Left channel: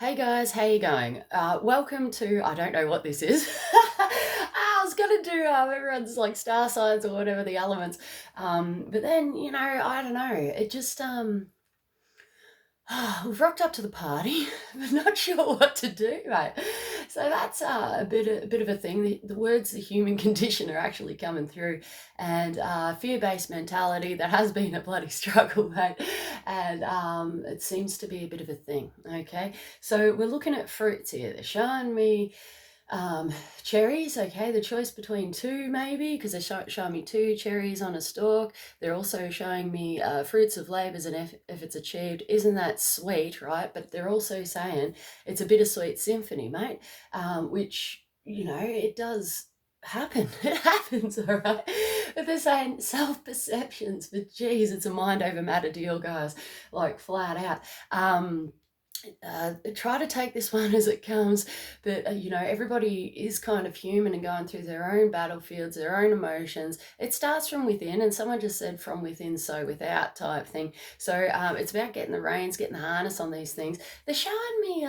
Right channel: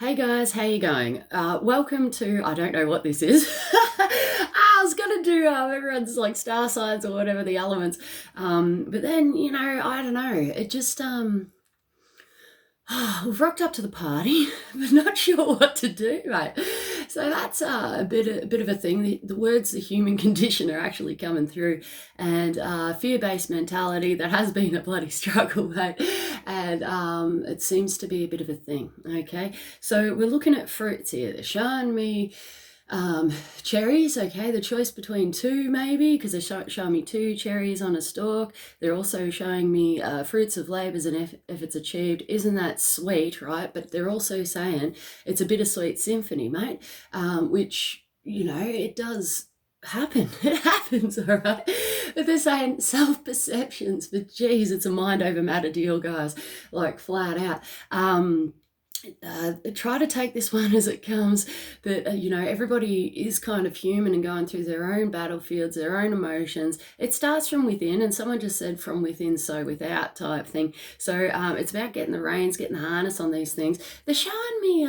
Hey guys, how you going? Welcome to, I don't know what this is. I was gonna do everyone's like star signs or whatever the elements, but then I don't know. It just we've rocked up to the party, but not sure what to do, mate. So that's a bit of a thing. The words "the human condition" are actually coming through, and fear-based mentality that has been a bloody struggle, mate. And it seems to be a bit of a thing. Okay, so we're looking at fruits here. They're showing me um, cherries. Okay, the choice between two maybe, because they're showing me two cherries on a stalk. They're also showing me fruits of labours and if it's achieved. Isn't that sweet, right? But they're also saying it's a bittersweet symphony, mate, which, it does happen. It happens, all right? But they're saying self-perceptions, but geez, it's a mind over matter deal, guys, like flat out. Try to take this one as it comes, that everybody is kind of human and going through their own battlefields, their own emotions. It starts from within, and someone just said from within so without type thing. So it's about getting the reins, getting the harness on these things. They're showing me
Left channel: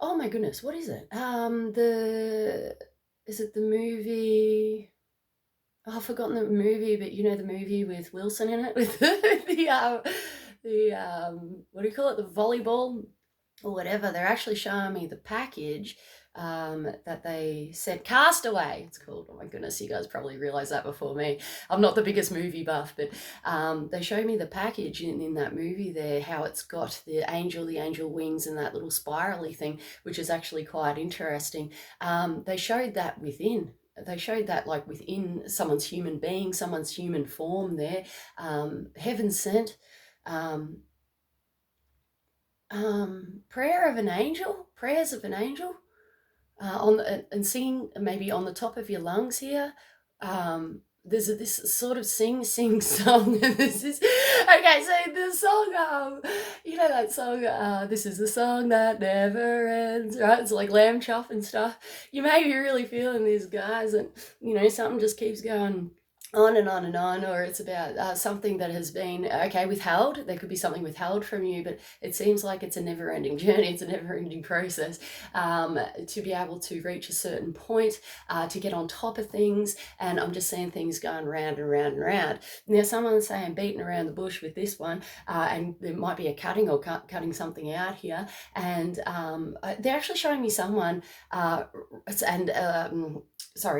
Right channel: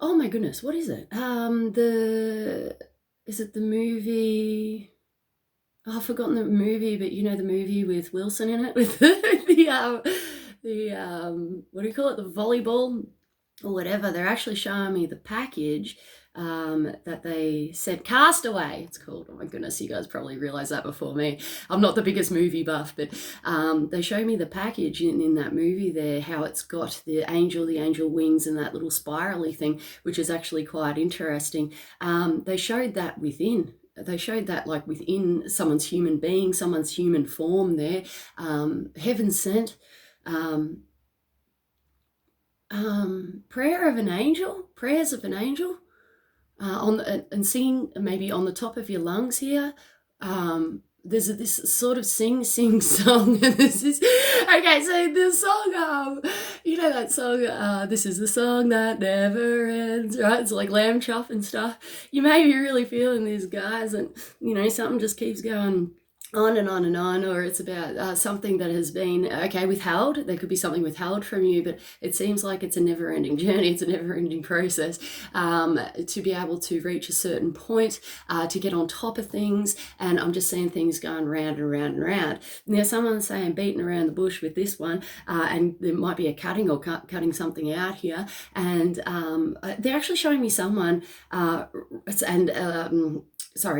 oh my goodness, what is it? The is it the movie? Oh, I've forgotten the movie, but you know the movie with Wilson in it, with the what do you call it, the volleyball or whatever. They're actually showing me the package that they sent, Castaway it's called. Oh my goodness, you guys probably realize that before me. I'm not the biggest movie buff, but they show me the package in that movie there, how it's got the angel wings and that little spirally thing, which is actually quite interesting. They showed that within, they showed that like within someone's human being, someone's human form there. Heaven sent, um, prayer of an angel, prayers of an angel, and singing maybe on the top of your lungs here. There's this sort of sing song. This is okay. So the song, that song. This is the song that never ends, right? It's like lamb chop and stuff. You may be really feeling these guys, and something just keeps going on and on and on, or it's about something that has been withheld. There could be something withheld from you, but it seems like it's a never-ending journey. It's a never-ending process to be able to reach a certain point, to get on top of things. And I'm just seeing things going round and round and round. Now, someone's saying beating around the bush with this one, and there might be a cutting or cutting something out here. And they're actually showing me someone,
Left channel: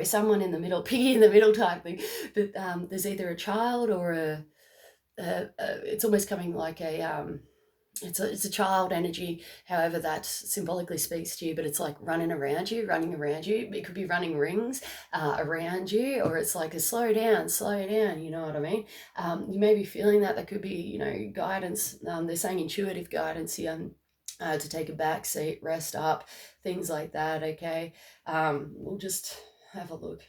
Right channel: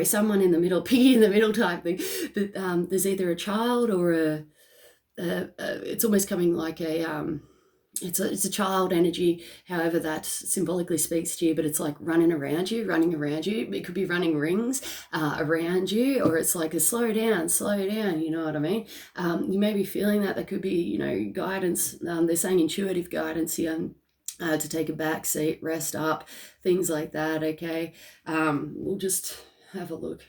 someone in the middle, piggy in the middle type thing. That there's either a child or it's almost coming like it's a child energy, however that symbolically speaks to you, but it's like running around you. It could be running rings around you, or it's like a slow down, you know what I mean? You may be feeling that. There could be, guidance. They're saying intuitive guidance here. To take a back seat, rest up, things like that. Okay, we'll just have a look.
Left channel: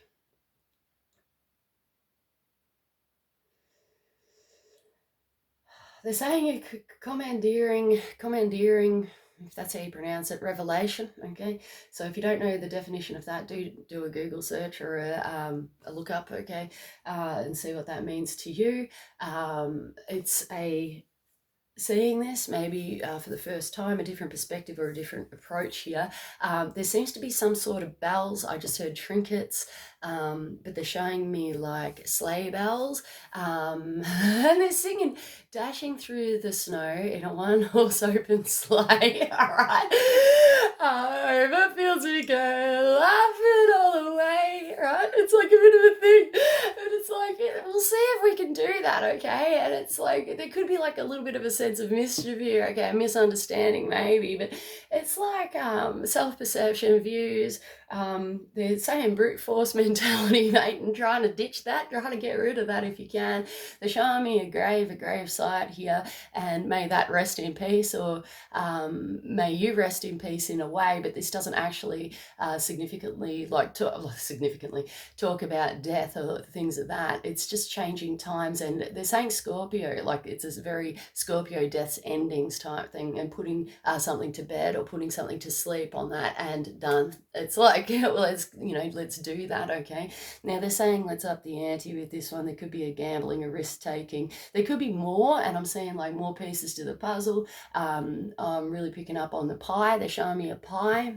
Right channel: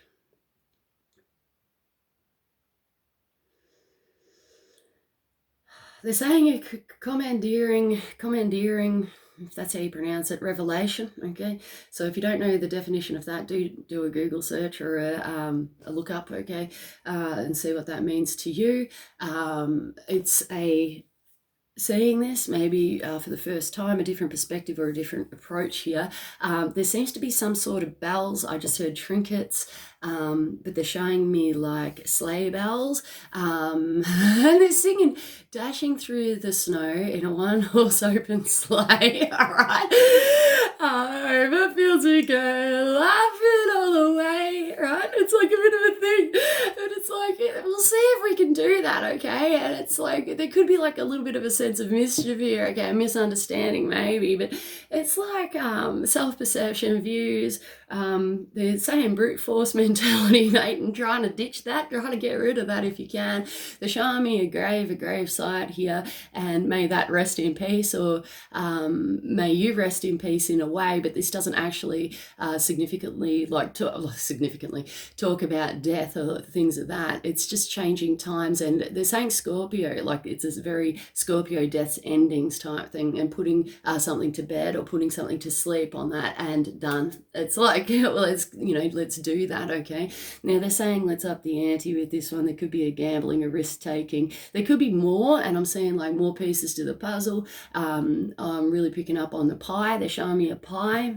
They're saying a commandeering, if that's how you pronounce it, revelation. Okay, so if you don't know the definition of that, do a Google search or a look up. Okay, and see what that means to you. It's a seeing this maybe for the first time, a different perspective or a different approach here. There seems to be some sort of bells. I just heard trinkets, but they're showing me like sleigh bells, and they're singing dashing through the snow in a one-horse open sleigh. All right, over fields we go, laughing all the way. Right, it's like a bit of a thing, and it's like we'll see if we can do that. Okay, and it's like there could be like a little bit of a sense of mischief here. Okay, a misunderstanding maybe, but it's like self-perception, views. They're saying brute force mentality, mate, and trying to ditch that, trying to get rid of that if you can. They're showing me a grave site here, and may that rest in peace, or may you rest in peace in a way. But this doesn't actually significantly talk about death or things of that. It's just changing times, and they're saying Scorpio, like it's this very Scorpio death's endings type thing, and putting something to bed or putting something to sleep on that and done. It's like, well, let's do that, okay? Now they're saying let's up the ante with this one. There could be a gambling, a risk taking. There could be more, and I'm seeing like more pieces to the puzzle. I'm really picking up on the pie. They're showing me a pie,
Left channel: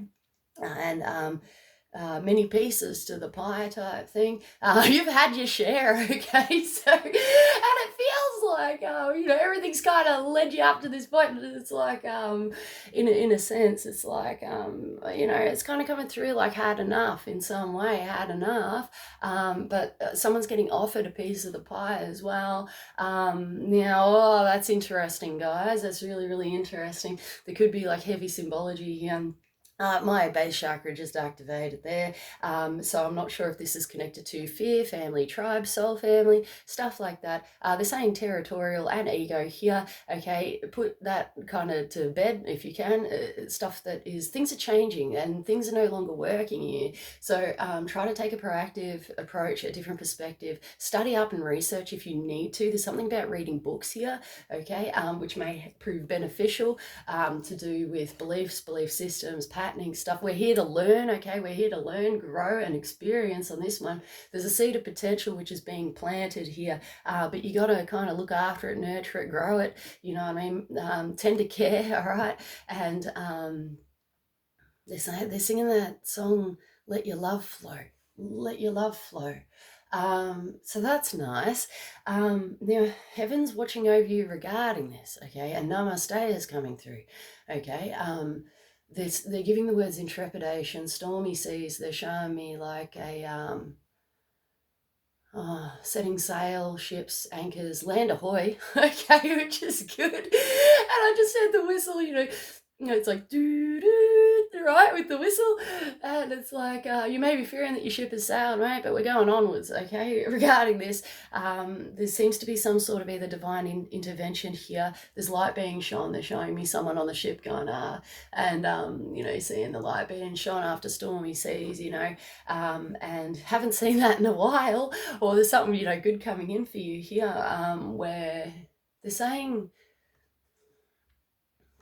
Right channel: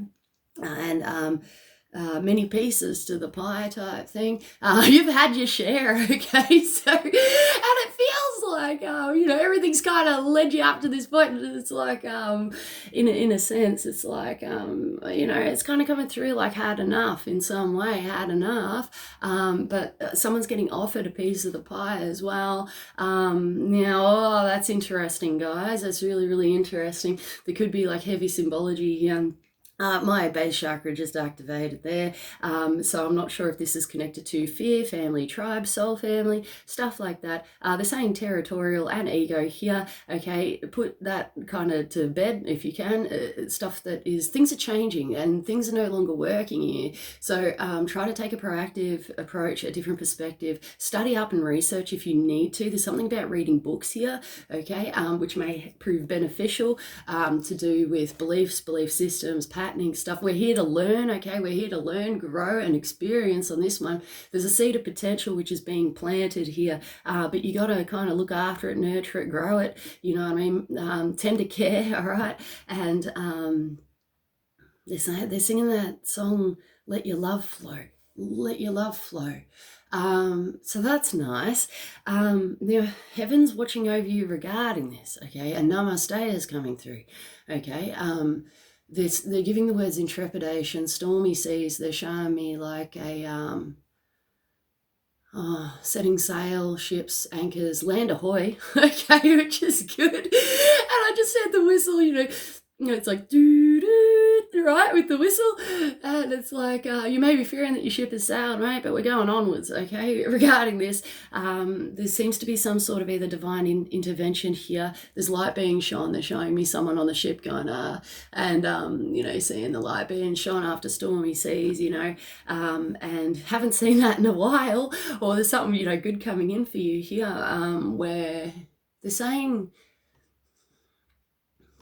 and many pieces to the pie type thing. You've had your share, okay? So, and it feels like, everything's kind of led you up to this point. And it's like, in a sense, it's like, it's kind of coming through like had enough in some way, had enough. But someone's getting offered a piece of the pie as well. That's interesting, guys. That's really, really interesting. There could be like heavy symbology. My base chakra just activated there, so I'm not sure if this is connected to fear, family, tribe, soul family, stuff like that. They're saying territorial and ego here, okay? Put that kind of to bed if you can. Stuff that is, things are changing and things are no longer working here. So try to take a proactive approach, a different perspective. Study up and research if you need to. There's something about reading books here, okay, which may prove beneficial to do with beliefs, belief systems, patterning stuff. We're here to learn, okay? We're here to learn, grow, and experience on this one. There's a seed of potential which is being planted here, but you got to kind of look after it, nurture it, grow it, you know what I mean? Tend to care, all right? And they're singing that song, Let Your Love Flow. Let your love flow. So that's nice. Now, heaven's watching over you regarding this, okay? And namaste is coming through, okay? They're giving the words intrepidation, stormy seas. They're showing me like a setting sail, ships, anchors, land ahoy, okay, which is good. And I just heard the whistle, it's like doo doo, right, with the whistle, and it's like you may be fearing that your ship is sailing, right, but we're going onwards, okay. Regarding this, there seems to be some sort of either divine intervention here. There's light being shone. They're showing me someone on the ship going and seeing the light being shone after stormy seas, and haven't seen that in a while. Or there's something good coming in for you here, where they're saying,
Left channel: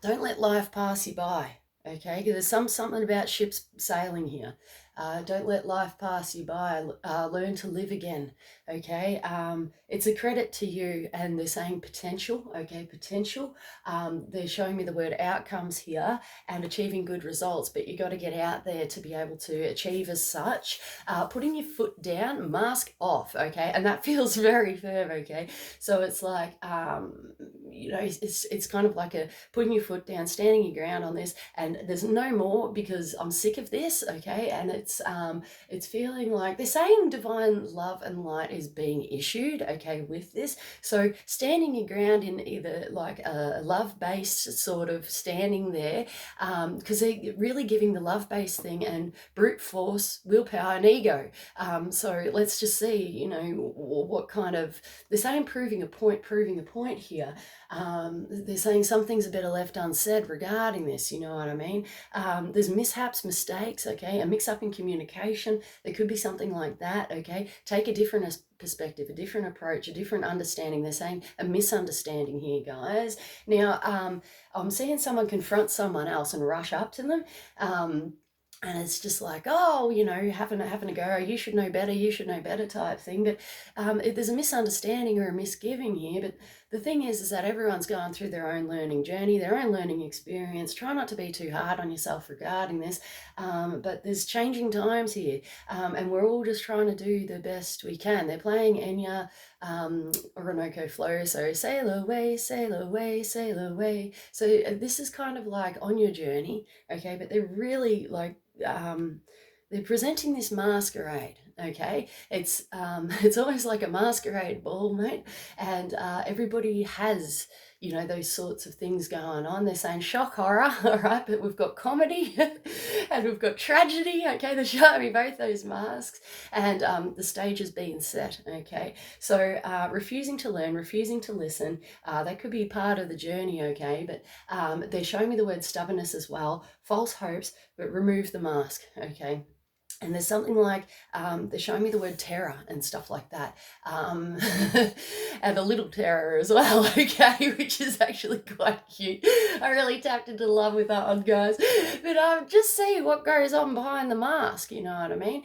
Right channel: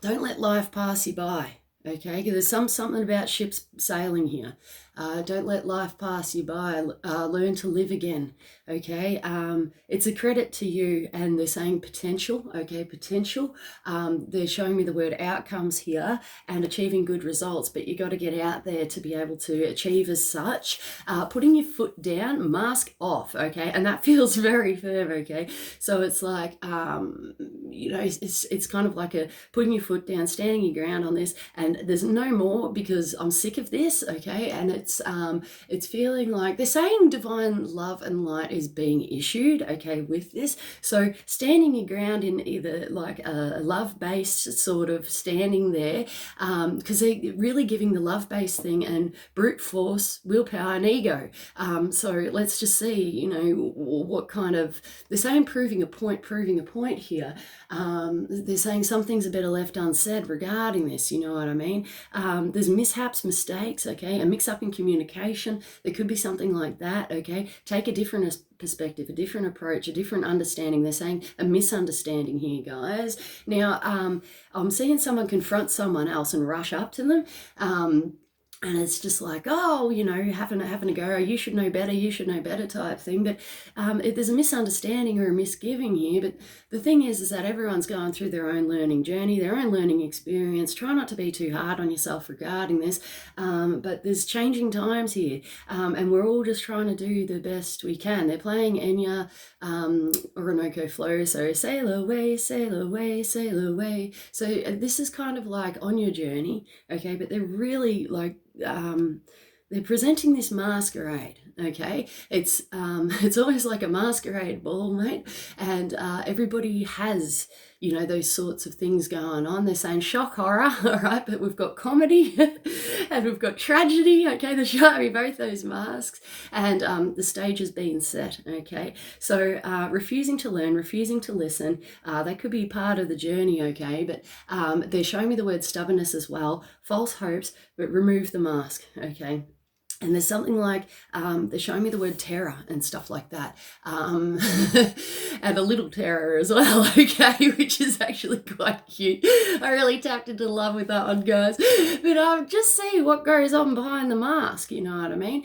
don't let life pass you by, okay? There's something about ships sailing here. Don't let life pass you by. Learn to live again, okay? It's a credit to you, and they're saying potential, okay? Potential. They're showing me the word outcomes here and achieving good results, but you got to get out there to be able to achieve as such. Putting your foot down, mask off, okay? And that feels very firm, okay? So it's like, it's kind of like a putting your foot down, standing your ground on this, and there's no more because I'm sick of this, okay? And it's feeling like they're saying divine love and light is being issued, okay, with this. So standing your ground in either like a love-based sort of standing there, because they're really giving the love-based thing and brute force, willpower, and ego. So let's just see, what kind of, they're saying proving a point here. They're saying some things are better left unsaid regarding this, you know what I mean? There's mishaps, mistakes, okay, a mix-up in communication. There could be something like that, okay? Take a different perspective, a different approach, a different understanding. They're saying a misunderstanding here, guys. Now, I'm seeing someone confront someone else and rush up to them. And it's just like, having a go, you should know better type thing. But if there's a misunderstanding or a misgiving here, but the thing is that everyone's going through their own learning journey, their own learning experience. Try not to be too hard on yourself regarding this. But there's changing times here, and we're all just trying to do the best we can. They're playing Enya, Orinoco Flow, so sail away, sail away, sail away. So this is kind of like on your journey, okay? But they're really like, they're presenting this masquerade, okay? It's always like a masquerade ball, mate, and everybody has those sorts of things going on. They're saying shock horror, all right, but we've got comedy and we've got tragedy, okay? They're showing me both those masks, and the stage has been set, okay? So refusing to learn, refusing to listen, that could be part of the journey, okay? But they're showing me the word stubbornness as well, false hopes, but remove the mask, okay? And there's something like, they're showing me the word terror and stuff like that. And a little terror as well, okay, which is actually quite cute. I really tapped into love with that one, guys. But just see what goes on behind the mask, you know what I mean?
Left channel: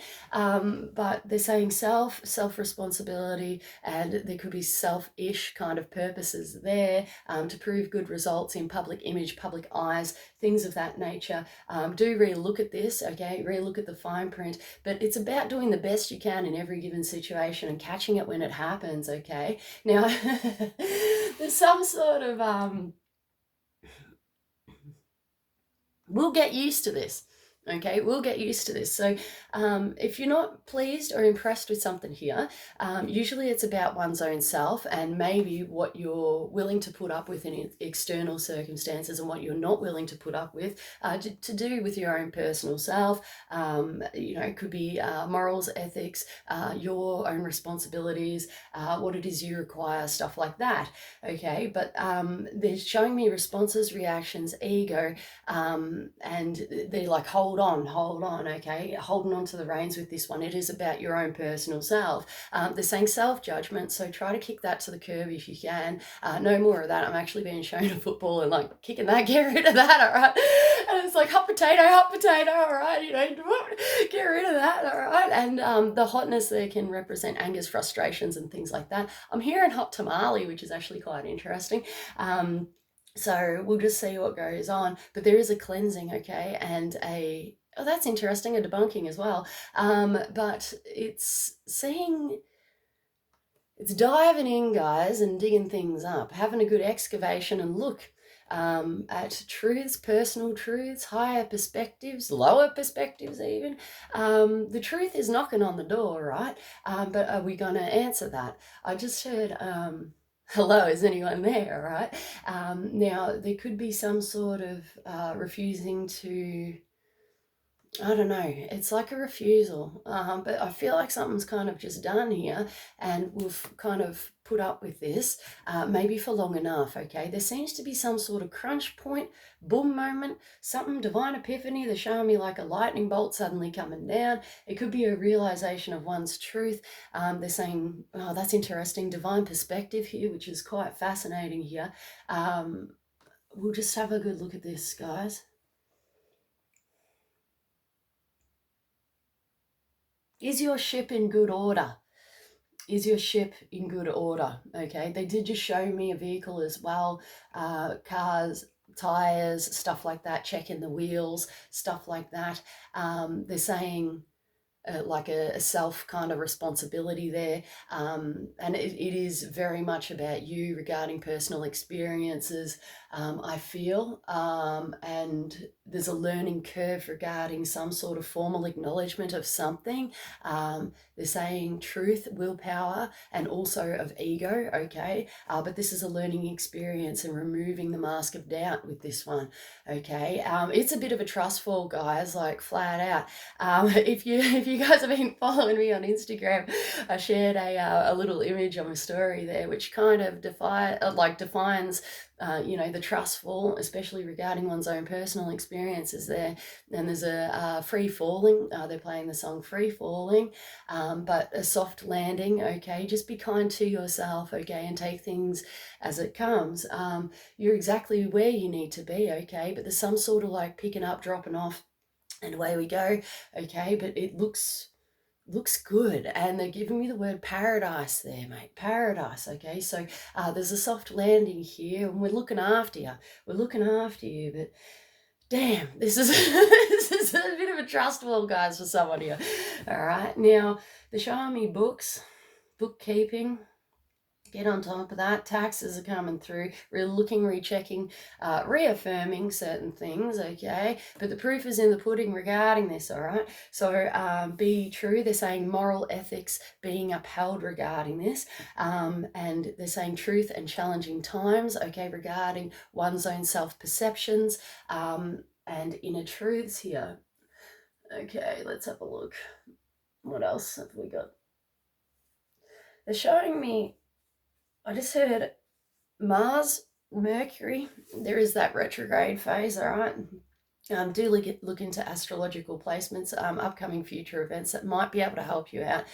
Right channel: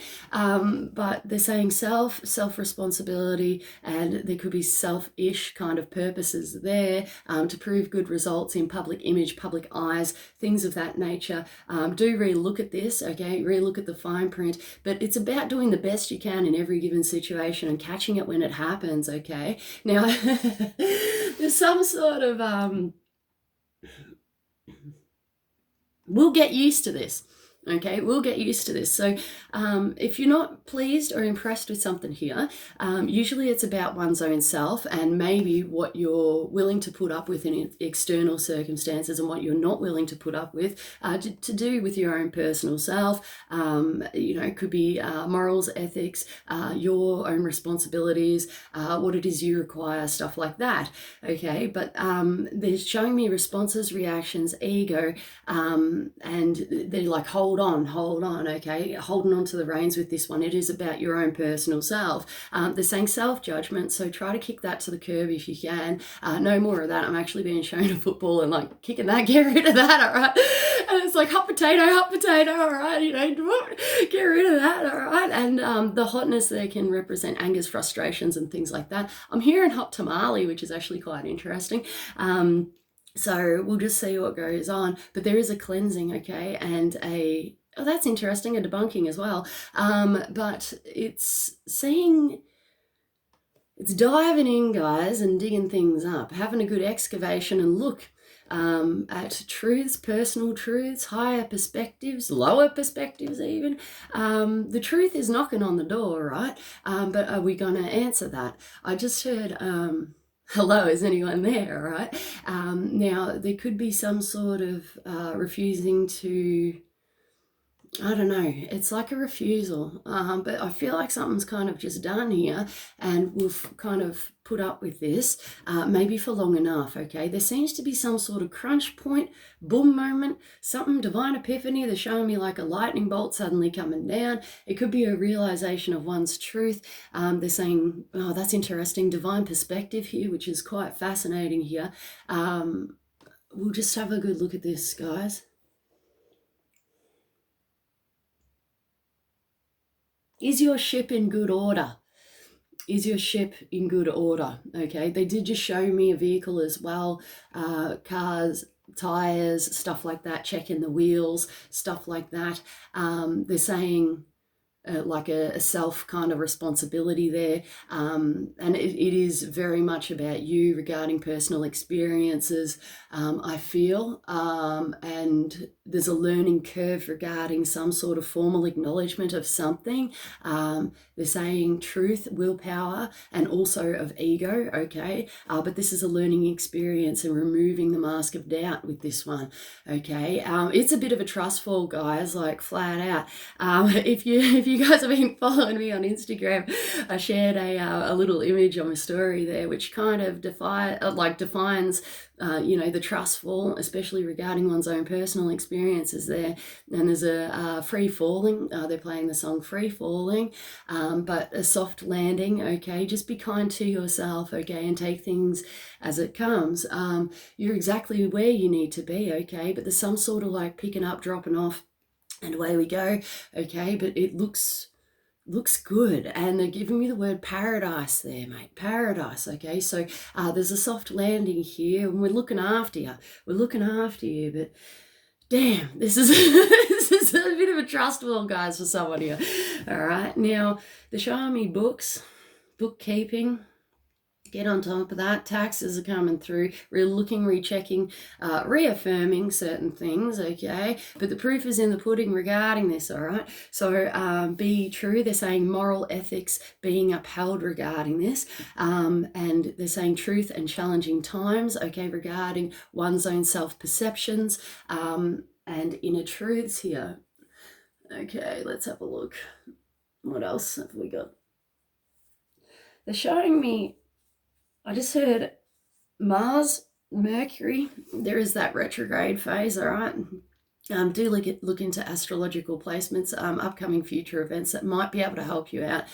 But they're saying self-responsibility, and there could be selfish kind of purposes there, to prove good results in public image, public eyes, things of that nature. Do re-look at this, okay? Re-look at the fine print. But it's about doing the best you can in every given situation and catching it when it happens, okay? Now, there's some sort of, we'll get used to this. Okay, we'll get used to this. So if you're not pleased or impressed with something here, usually it's about one's own self and maybe what you're willing to put up with in external circumstances and what you're not willing to put up with, to do with your own personal self. You know, it could be morals, ethics, your own responsibilities, what it is you require, stuff like that. Okay, but they're showing me responses, reactions, ego, and they're like, hold on, okay, holding on to the reins with this one. It is about your own personal self. They're saying self-judgment, so try to kick that to the curb if you can. No more of that. I'm actually being shown a football and like kicking that, get rid of that, all right? And it's like hot potato, all right, you know, get rid of that, all right? And the hotness there can represent angers, frustrations, and things like that. I'm hearing hot tamale, which is actually quite interesting. So we'll just see what goes on. But there is a cleansing, okay, and oh, that's interesting, a debunking as well. But it's seeing, it's diving in, guys, and digging things up, having a good excavation and look at truths, personal truths, higher perspectives, lower perspectives even. The truth is knocking on the door, right? But are we going to answer that? I just heard... hello, is anyone there, right? Now, there could be some sort of refusing to, I don't know, it's like a refusal, but I feel like something's kind of just done here, and we've kind of put up with this, maybe for long enough, okay? There seems to be some sort of crunch point, boom moment, something, divine epiphany. They're showing me like a lightning bolt suddenly coming down. It could be a realization of one's truth. They're saying, oh, that's interesting, divine perspective here, which is quite fascinating here. We'll just have a good look at this, guys. Is your ship in good order? Is your ship in good order? Okay, they did just show me a vehicle as well, cars, tires, stuff like that, checking the wheels, stuff like that. They're saying like a self kind of responsibility there, and it is very much about you regarding personal experiences, I feel, and there's a learning curve regarding some sort of formal acknowledgement of something. They're saying truth, willpower, and also of ego, okay, but this is a learning experience and removing the mask of doubt with this one, okay. It's a bit of a trust fall, guys, like flat out. If you guys have been following me on Instagram, I shared a little image on my story there, which kind of defines you know, the trust fall, especially regarding one's own personal experiences there. And there's a free falling. They're playing the song Free Falling, but a soft landing, okay? Just be kind to yourself, okay, and take things as it comes. You're exactly where you need to be, okay? But there's some sort of like picking up, dropping off, and away we go, okay? But it looks good, and they're giving me the word paradise there, mate, paradise, okay? So there's a soft landing here, and we're looking after you, but damn, this is this is a bit of a trust fall, guys, for someone here. All right, now they're showing me books, bookkeeping. Get on top of that. Taxes are coming through. We're looking, rechecking, reaffirming certain things, okay? But the proof is in the pudding regarding this, all right? So be true. They're saying moral ethics being upheld regarding this. And they're saying truth and challenging times, okay, regarding one's own self-perceptions, and inner truths here. Okay, let's have a look. What else have we got? They're showing me, I just heard Mars, Mercury. There is that retrograde phase, all right? Do look into astrological placements, upcoming future events that might be able to help you out.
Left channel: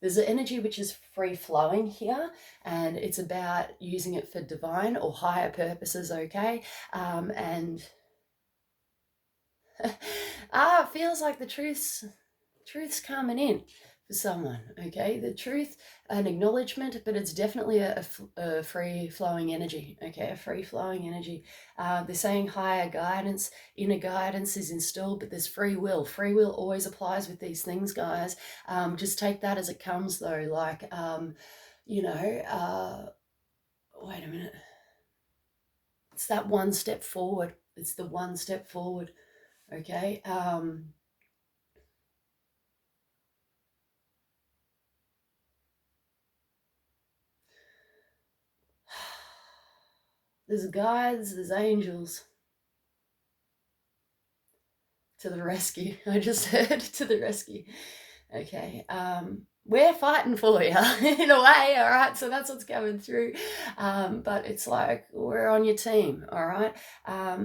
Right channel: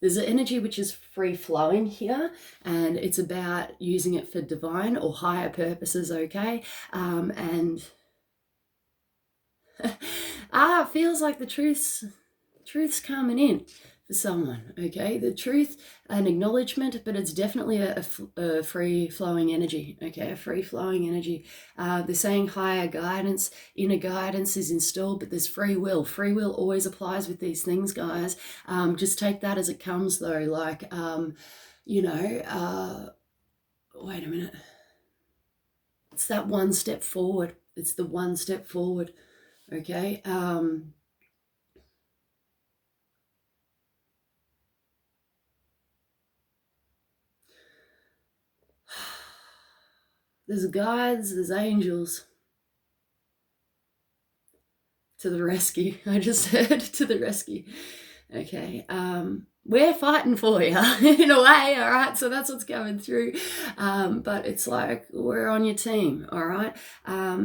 There's an energy which is free flowing here, and it's about using it for divine or higher purposes, okay? And it feels like the truth's coming in for someone, okay? The truth, an acknowledgement, but it's definitely a free flowing energy, okay? A free flowing energy. They're saying higher guidance, inner guidance is installed, but there's free will. Free will always applies with these things, guys. Just take that as it comes, though. Like, wait a minute. It's that one step forward. It's the one step forward, okay? There's guides, there's angels to the rescue. I just heard to the rescue. Okay. We're fighting for you in a way, all right? So that's what's going through. But it's like, we're on your team, all right?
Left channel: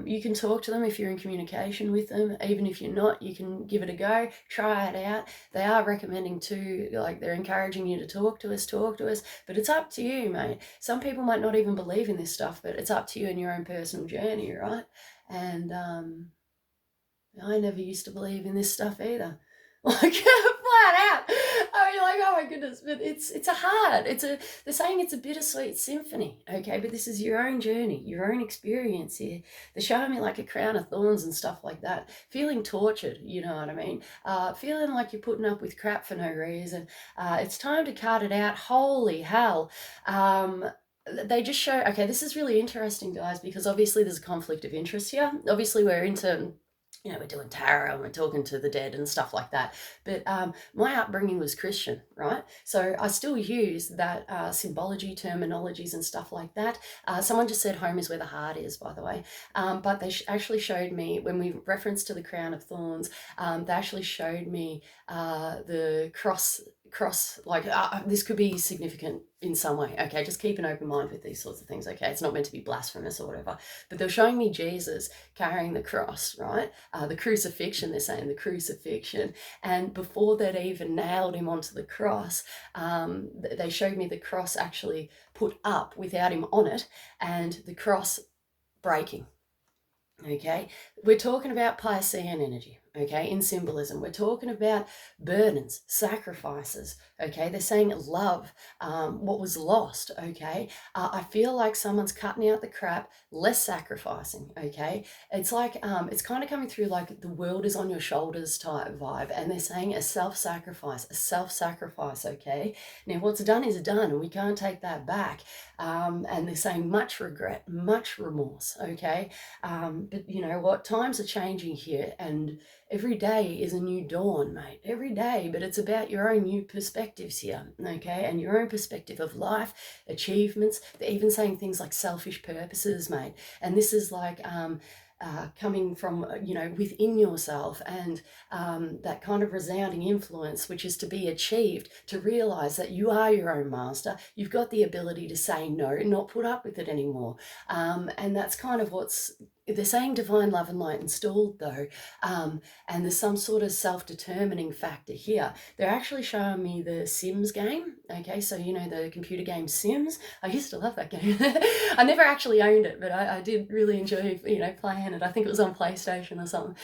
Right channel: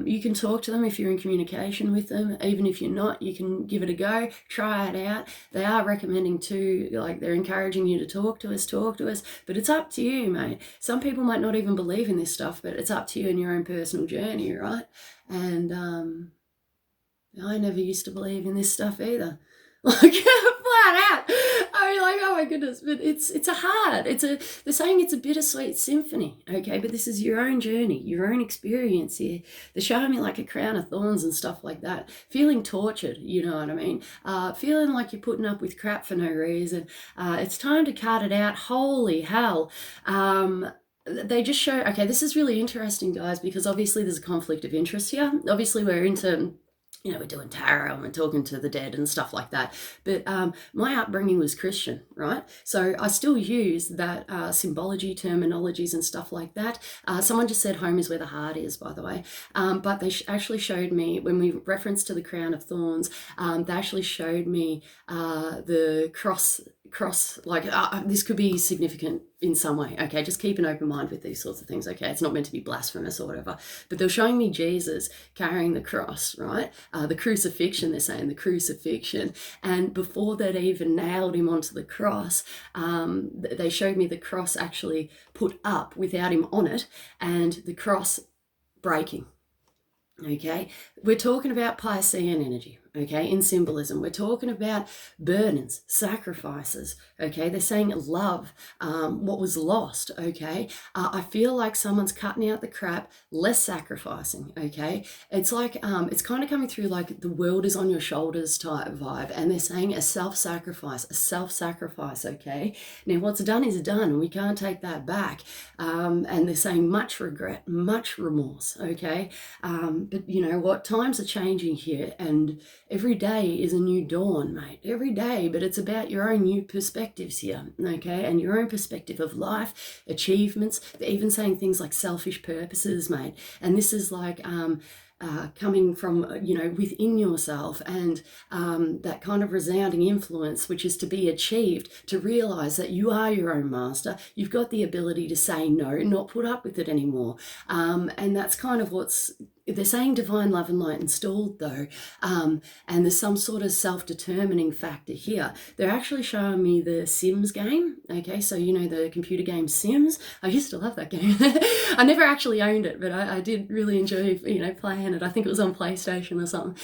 You can talk to them if you're in communication with them. Even if you're not, you can give it a go, try it out. They are recommending too, like they're encouraging you to talk to us, but it's up to you, mate. Some people might not even believe in this stuff, but it's up to you in your own personal journey, right? And I never used to believe in this stuff either. Like, flat out. I mean, like, oh my goodness. But they're saying it's a bittersweet symphony, okay? But this is your own journey, your own experience here. They're showing me like a crown of thorns and stuff like that. Feeling tortured, you know what I mean? Feeling like you're putting up with crap for no reason. It's time to cut it out. Holy hell. They just show, okay, this is really interesting, guys, because obviously there's a conflict of interest here. Obviously we're into, we're doing tarot and we're talking to the dead and stuff like that. But my upbringing was Christian, right? So I still use that symbology, terminologies and stuff like that. Someone just said home is where the heart is, by the way. But they actually showed me, when we referenced to the crown of thorns, they actually showed me the cross, like this could be significant in some way, okay? Just keep an open mind with these sorts of things, okay? It's not meant to be blasphemous or whatever. But they're showing me Jesus carrying the cross, right? The crucifixion, they're saying, the crucifixion. And before they'd even nailed him onto the cross, they showed me the cross actually put up without him on it, and the cross breaking, okay? We're talking about Piscean energy, okay, in symbolism. We're talking about burdens, sacrifices, okay? They're saying love, what was lost, okay? I feel like someone's cutting out the crap, less sacrificing, okay? It's like, it's kind of coming through like the world is on your shoulders type vibe, and they're saying a self-sacrifice, okay? Now, what's done is done, and we can't take that back. And they're saying much regret, much remorse, okay? But you know what? Times are changing here, and every day is a new dawn, mate. Every day, but it's about your own new perspectives here, okay? And your own perspective of life, achievements. They're even saying things like selfish purposes, mate. And this is like coming from, within yourself, and that kind of resounding influence, which is to be achieved, to realize that you are your own master. You've got the ability to say no, not put up with it anymore. And that's kind of they're saying divine love and light installed, though, and there's some sort of self-determining factor here. They're actually showing me the Sims game, okay? So, the computer game Sims. I used to love that game. I never actually owned it, but I did really enjoy, playing it. I think it was on PlayStation or something.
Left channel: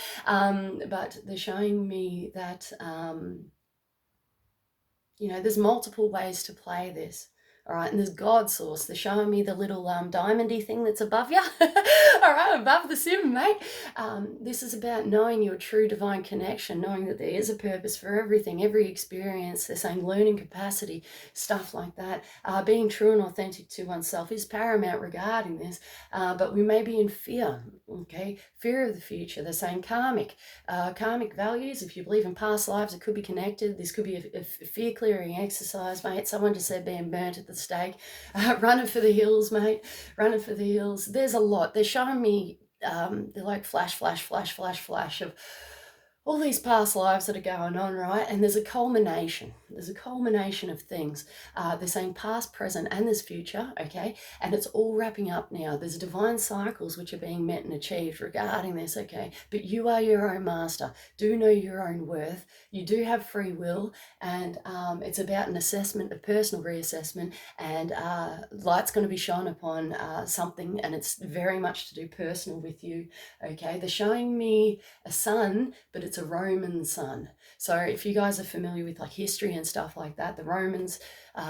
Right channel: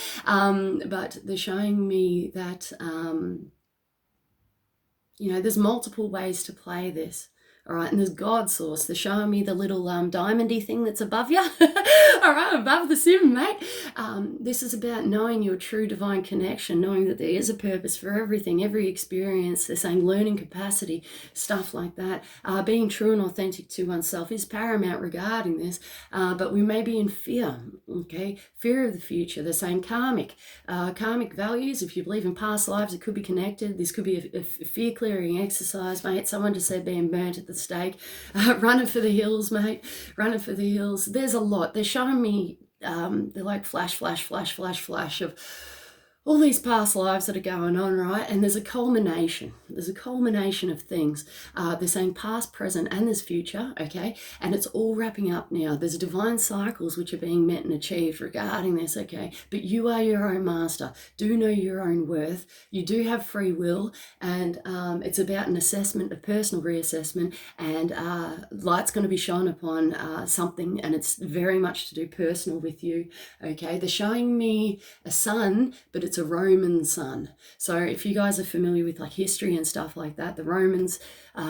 But they're showing me that, there's multiple ways to play this. All right, and there's God source. They're showing me the little diamondy thing that's above you. All right, above the sim, mate. This is about knowing your true divine connection, knowing that there is a purpose for everything, every experience. They're saying learning capacity, stuff like that. Being true and authentic to oneself is paramount regarding this, but we may be in fear, okay? Fear of the future. They're saying karmic values. If you believe in past lives, it could be connected. This could be a fear-clearing exercise, mate. Someone just said being burnt at the stake. Running for the hills, mate. Running for the hills. There's a lot. They're showing me, they're like flash of all these past lives that are going on, right? And there's a culmination. There's a culmination of things. They're saying past, present, and there's future, okay? And it's all wrapping up now. There's divine cycles which are being met and achieved regarding this, okay? But you are your own master. Do know your own worth. You do have free will, and it's about an assessment, a personal reassessment, and light's going to be shone upon something, and it's very much to do personal with you, okay? They're showing me a sun, but it's a Roman sun. So if you guys are familiar with like history and stuff like that, the Romans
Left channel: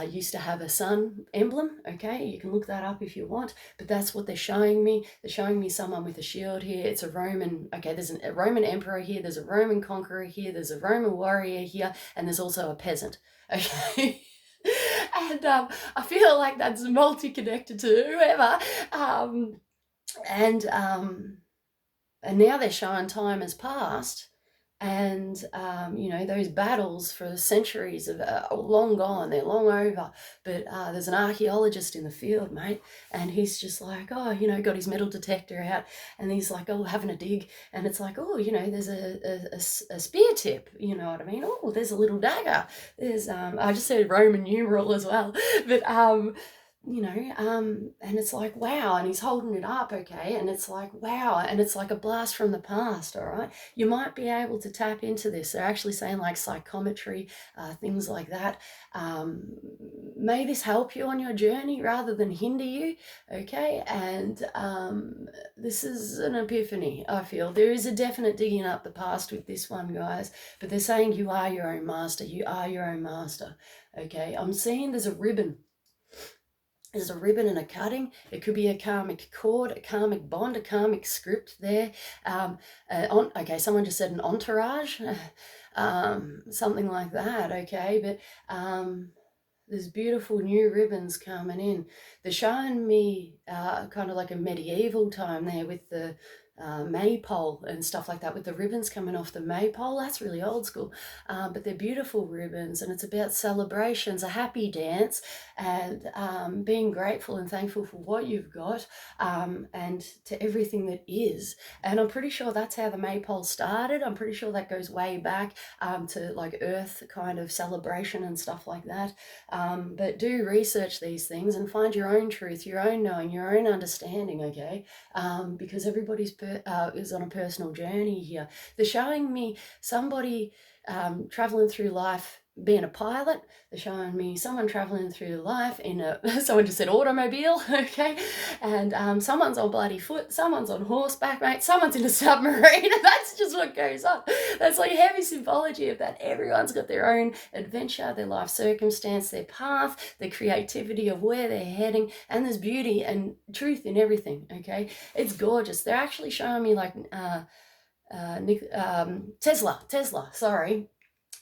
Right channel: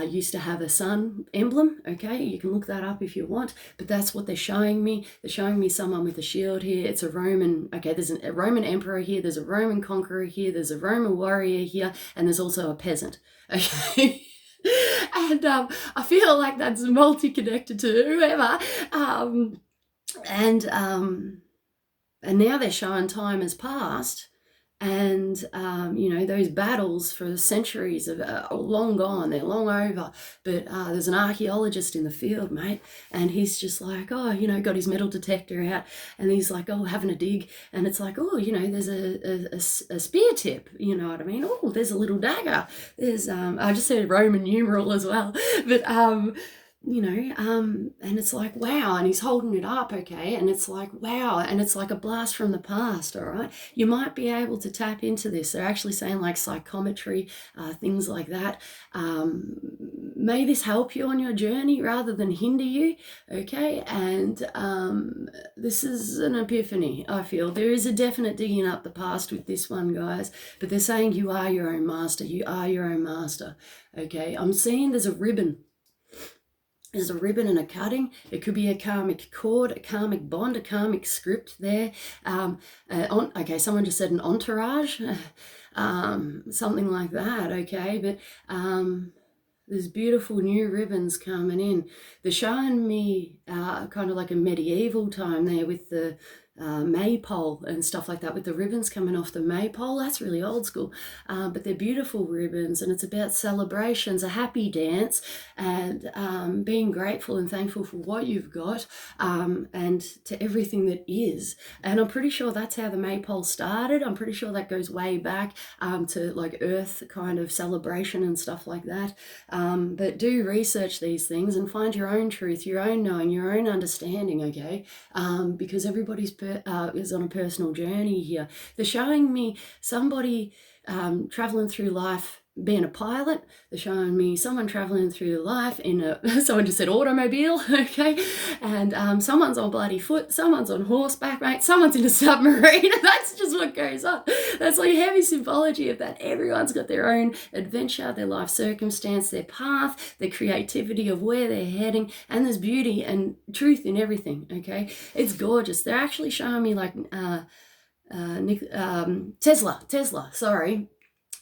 used to have a sun emblem, okay? You can look that up if you want, but that's what they're showing me. They're showing me someone with a shield here. It's a Roman, okay, there's a Roman emperor here, there's a Roman conqueror here, there's a Roman warrior here, and there's also a peasant, okay? And I feel like that's multi-connected to whoever. And now they're showing time has passed, and you know, those battles for centuries are long gone, they're long over. But there's an archaeologist in the field, mate, and he's just like, oh, you know, got his metal detector out, and he's like, oh, having a dig, and it's like, oh, you know, there's a spear tip, you know what I mean? Oh, there's a little dagger, there's I just said Roman numeral as well, but you know, and it's like, wow, and he's holding it up, okay, and it's like, wow, and it's like a blast from the past, all right? You might be able to tap into this. They're actually saying like psychometry, things like that. May this help you on your journey rather than hinder you, okay? And this is an epiphany, I feel. There is a definite digging up the past with this one, guys, but they're saying you are your own master. You are your own master, okay? I'm seeing there's a ribbon. There's a ribbon and a cutting. It could be a karmic cord, a karmic bond, a karmic script there. Okay, someone just said an entourage, something like that, okay? But there's beautiful new ribbons coming in. They're showing me kind of like a medieval time there with the maypole and stuff like that, with the ribbons coming off the maypole. That's really old school, but they're beautiful ribbons, and it's about celebrations, a happy dance, and being grateful and thankful for what you've got, and to everything that is. And I'm pretty sure that's how the maypole started. I'm pretty sure that goes way back to like earth kind of celebration and stuff like that. But do research these things and find your own truth, your own knowing, your own understanding, okay? Because everybody's is on a personal journey here. They're showing me somebody traveling through life being a pilot. They're showing me someone traveling through life in a, someone just said automobile, okay? And someone's on bloody foot, someone's on horseback, mate, someone's in a submarine. That's just what goes on. That's like heavy symbology of that. Everyone's got their own adventure, their life circumstance, their path, their creativity of where they're heading, and there's beauty and truth in everything, okay? It's gorgeous. They're actually showing me like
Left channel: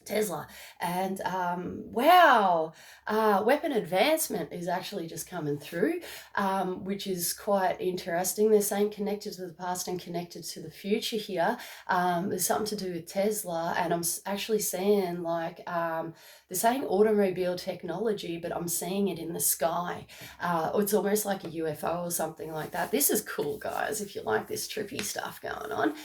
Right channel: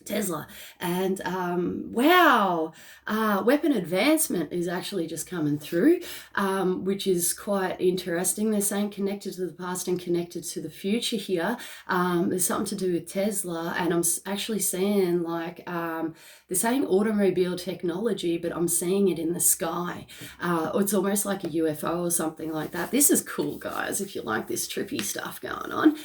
Tesla, and wow, weapon advancement is actually just coming through, which is quite interesting. They're saying connected to the past and connected to the future here. There's something to do with Tesla, and I'm actually seeing like they're saying automobile technology, but I'm seeing it in the sky. It's almost like a UFO or something like that. This is cool, guys, if you like this trippy stuff going on.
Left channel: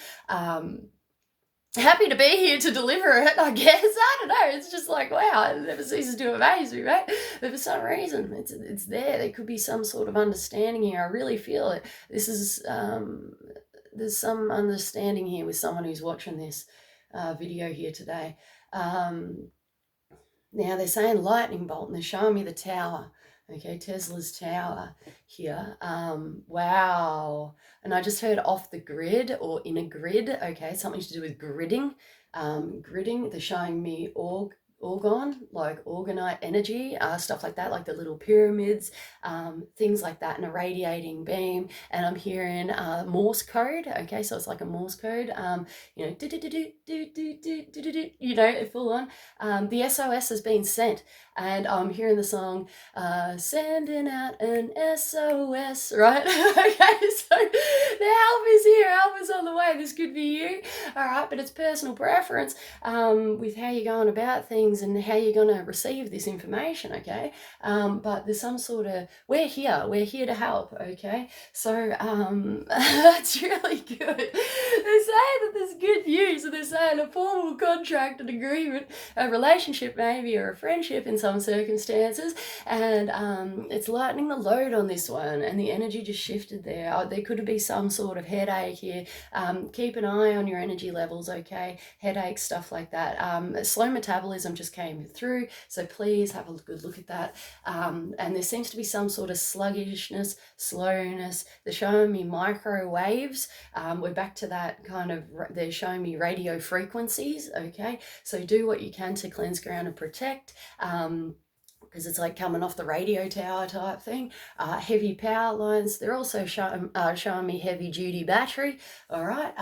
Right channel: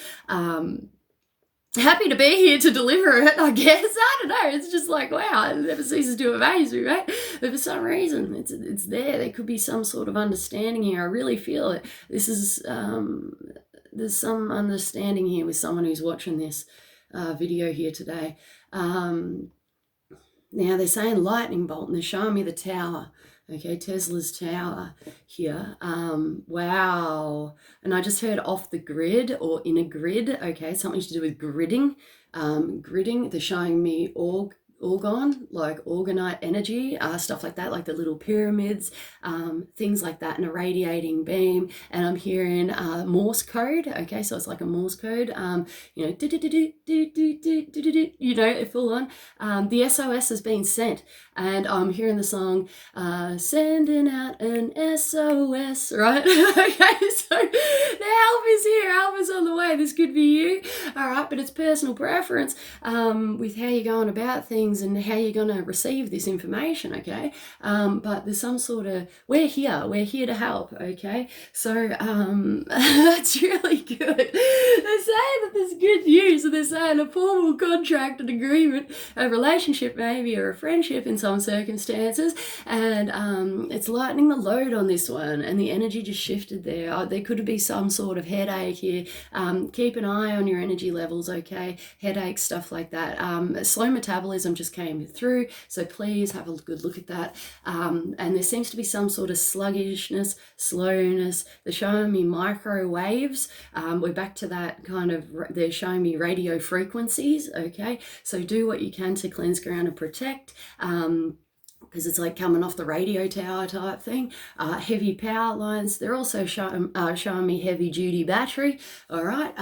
Happy to be here to deliver it, I guess. I don't know. It's just like, wow, it never ceases to amaze me, right? But for some reason, it's there. There could be some sort of understanding here. I really feel it. This is, there's some understanding here with someone who's watching this video here today. Now they're saying lightning bolt, and they're showing me the tower. Okay, Tesla's tower here. Wow. And I just heard off the grid or in a grid. Okay, something to do with gridding. Gridding, they're showing me orgon, like orgonite energy, stuff like that, like the little pyramids, things like that, and a radiating beam. And I'm hearing Morse code. Okay, so it's like a Morse code, you know, you know, full on. The SOS has been sent, and I'm hearing the song sending out an SOS, right? Okay, so the help is here, help is on the way. This could be you, all right, but it's personal preference with how you're going about things and how you're going to receive this information, okay? But there's some sort of, we're here to help, okay? So that's really good. They say that there's good news. And they're saying a formal contract, an agreement, a relationship maybe, or a friendship in some circumstances. And it's lightening the load on this one. And the energy just shifted there. There could be some sort of headache here. Keep an eye on your energy levels, okay? Headaches, stuff like that. Slow metabolism just came through. So please have a good look at that. And there seems to be some sort of sluggishness, slowness. They're showing me microwaves. We're back to that kind of, they're showing me radio frequencies, okay? So do what you can to cleanse, ground, and protect. Because it's like coming off the radio tower type thing. Heavy power lines. They're also showing me heavy duty battery, all right,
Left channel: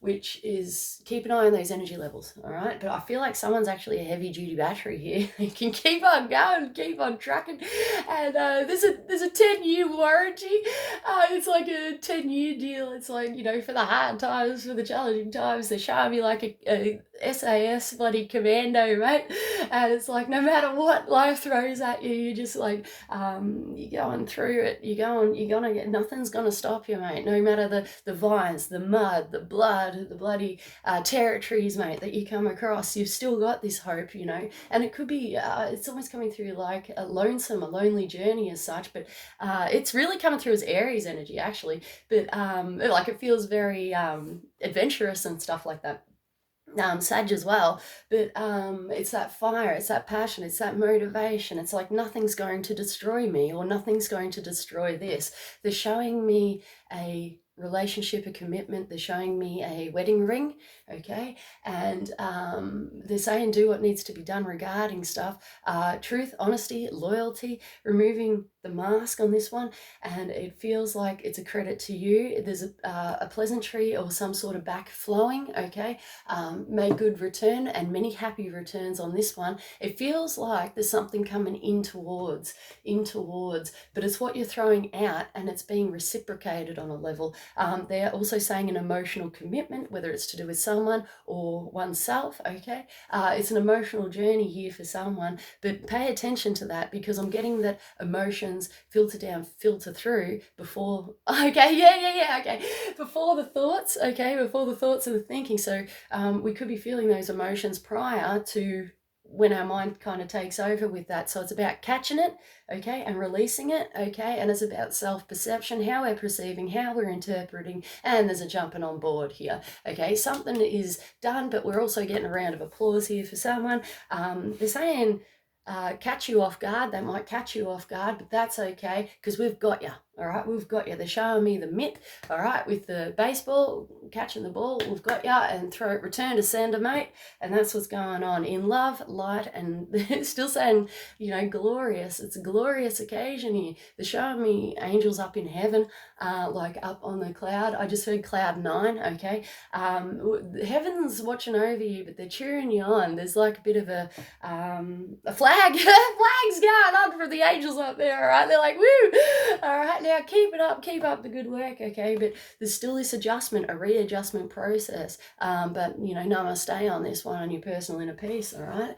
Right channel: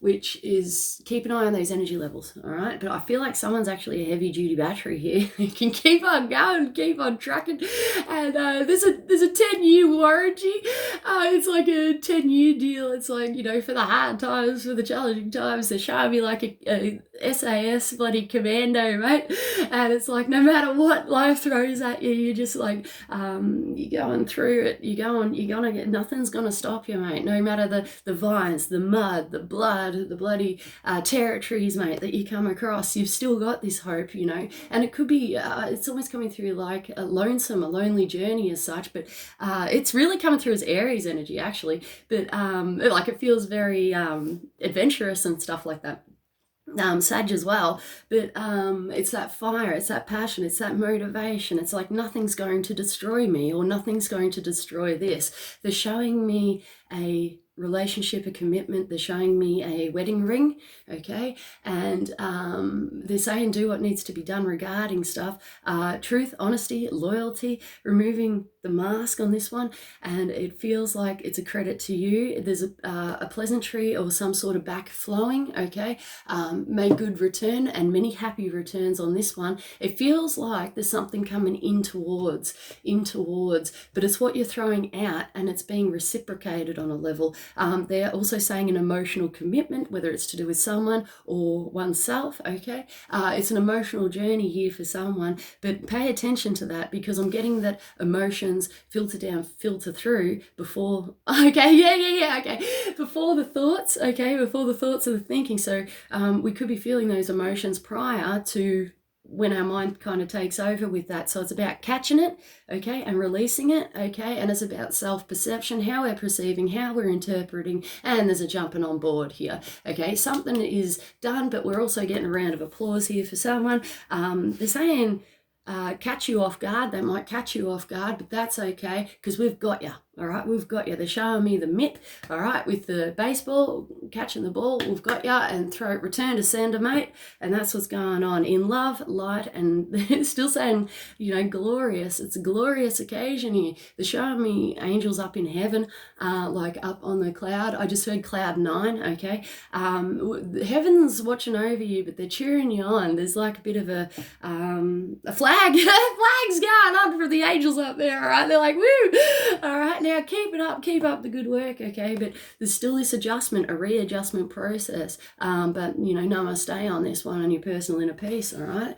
which is, keep an eye on those energy levels, all right? But I feel like someone's actually a heavy duty battery here. You can keep on going, keep on trucking. And there's a 10-year warranty. It's like a 10-year deal. It's like, you know, for the hard times, for the challenging times, they're showing me like a SAS bloody commando, mate. And it's like, no matter what life throws at you, you're just like, you're going through it, you're gonna get, nothing's gonna stop you, mate. No matter the vines, the mud, the blood, the bloody territories, mate, that you come across, you've still got this hope, you know. And it could be, it's almost coming through like a lonely journey as such, but it's really coming through as Aries energy, actually. But like it feels very adventurous and stuff like that. Sag as well, but it's that fire, it's that passion, it's that motivation. It's like nothing's going to destroy me, or nothing's going to destroy this. They're showing me a relationship, a commitment. They're showing me a wedding ring, okay? And they're saying do what needs to be done regarding stuff. Truth, honesty, loyalty, removing the mask on this one. And it feels like it's a credit to you. There's a pleasantry or some sort of back flowing, okay? May good return, and many happy returns on this one. It feels like there's something coming in towards, but it's what you're throwing out, and it's being reciprocated on a level. They're also saying an emotional commitment, whether it's to do with someone or oneself, okay? It's an emotional journey here for someone, but pay attention to that, because I'm getting that emotions filter down, filter through before, okay, before the thoughts, okay, before the thoughts of the thinking. So we could be feeling those emotions prior to when our mind kind of takes over with that. So it's about catching it, okay, and releasing it, okay, and it's about self-perception, how we're perceiving, how we're interpreting, and there's a jumping on board here, okay. Something is done, but we're also getting a round of applause here for someone. They're saying catch you off guard. They might catch you off guard, but that's okay, because we've got you. All right, we've got you. They're showing me the mitt, all right, with the baseball, catching the ball. We've got you, and return to sender, mate. And that's what's going on in love, light, and they're still saying, you know, glorious. It's a glorious occasion here. They're showing me angels up in heaven, like up on the cloud. I just heard cloud 9, okay. Heaven's watching over you, but they're cheering you on. There's like a bit of a flag, flag's going on for the angels up there, all right. They're like, woo, all right. Now keep up the good work, okay? But there's still this adjustment, a readjustment process. But you know, namaste on this one, on your personal inner peace, all right?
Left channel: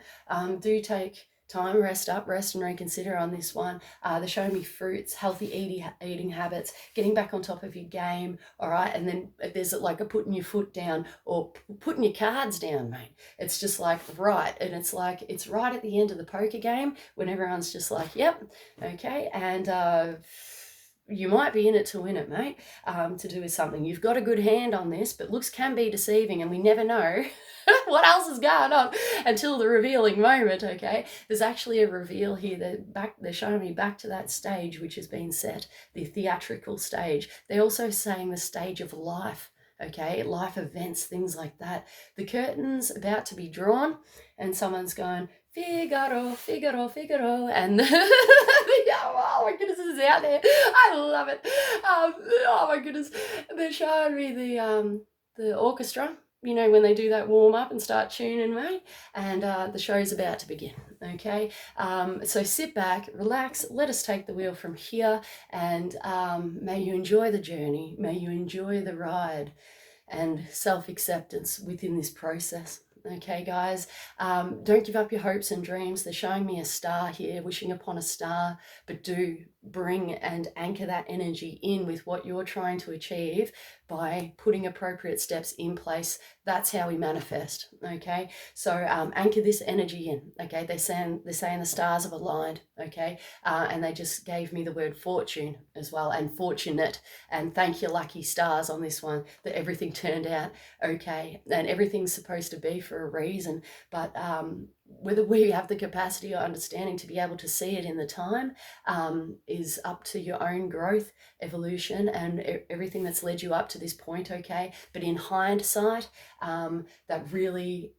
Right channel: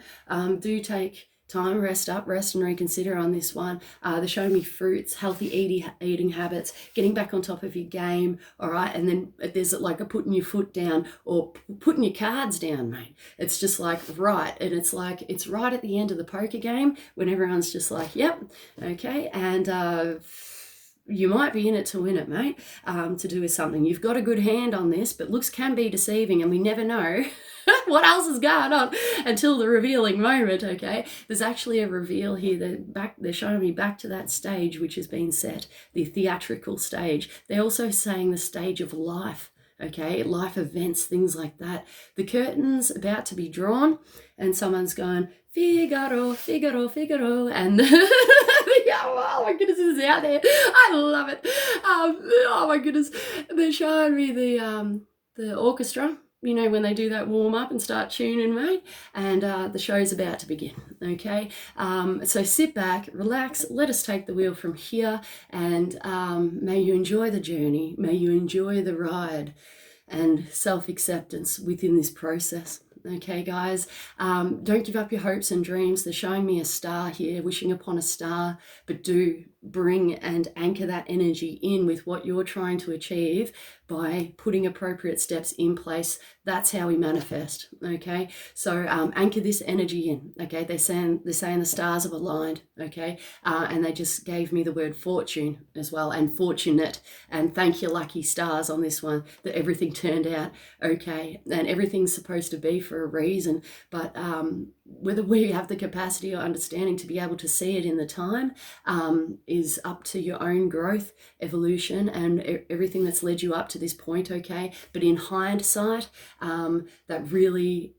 Do take time, rest and reconsider on this one. They're showing me fruits, healthy eating habits, getting back on top of your game, all right? And then there's like a putting your foot down, or putting your cards down, mate. It's just like right, and it's like it's right at the end of the poker game when everyone's just like, yep, okay, and you might be in it to win it, mate, to do with something. You've got a good hand on this, but looks can be deceiving, and we never know what else is going on until the revealing moment, okay? There's actually a reveal here. They're showing me back to that stage which has been set, the theatrical stage. They're also saying the stage of life, okay? Life events, things like that. The curtain's about to be drawn, and someone's going, Figaro, Figaro, Figaro, and oh my goodness, this is out there. I love it. Oh my goodness, they're showing me the orchestra, you know, when they do that warm up and start tuning, mate, and the show's about to begin, okay? So sit back, relax, let us take the wheel from here, and may you enjoy the journey, may you enjoy the ride, and self-acceptance within this process. Okay, guys, don't give up your hopes and dreams. They're showing me a star here, wishing upon a star, but do bring and anchor that energy in with what you're trying to achieve, by putting appropriate steps in place. That's how we manifest. Okay, so anchor this energy in. Okay, they're saying the stars have aligned. Okay, and they just gave me the word fortune as well, and fortunate, and thank you lucky stars on this one that everything turned out okay, and everything's supposed to be for a reason. But whether we have the capacity or understanding to be able to see it in the time is up to your own growth, evolution, and everything that's led you up to this point. Okay, but in hindsight, that really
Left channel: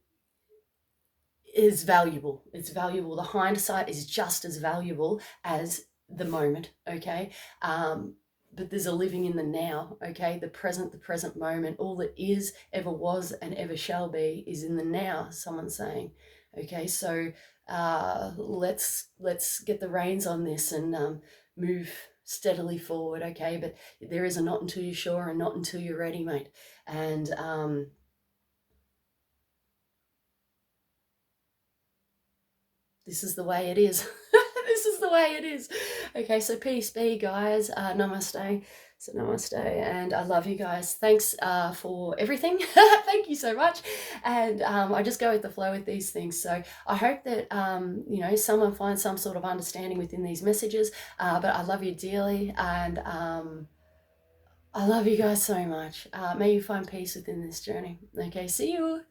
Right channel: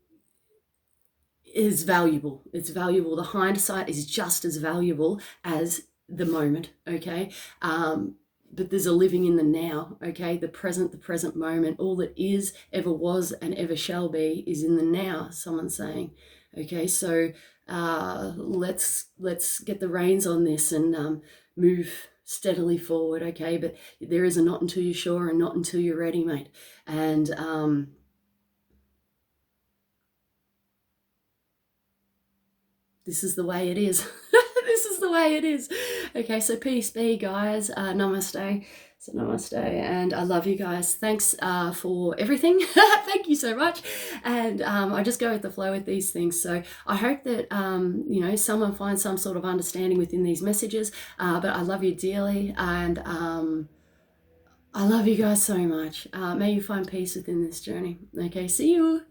is valuable. It's valuable. The hindsight is just as valuable as the moment. Okay, but there's a living in the now. Okay, the present moment. All that is, ever was, and ever shall be is in the now. Someone's saying. Okay, so let's get the reins on this and move steadily forward. Okay, but there is a not until you're sure and not until you're ready, mate. And this is the way it is. This is the way it is. Okay, so peace be, guys. Namaste. So namaste, and I love you guys. Thanks for everything. Thank you so much. And I just go with the flow with these things. So I hope that someone finds some sort of understanding within these messages. But I love you dearly, and I love you guys so much. May you find peace within this journey. Okay, see you.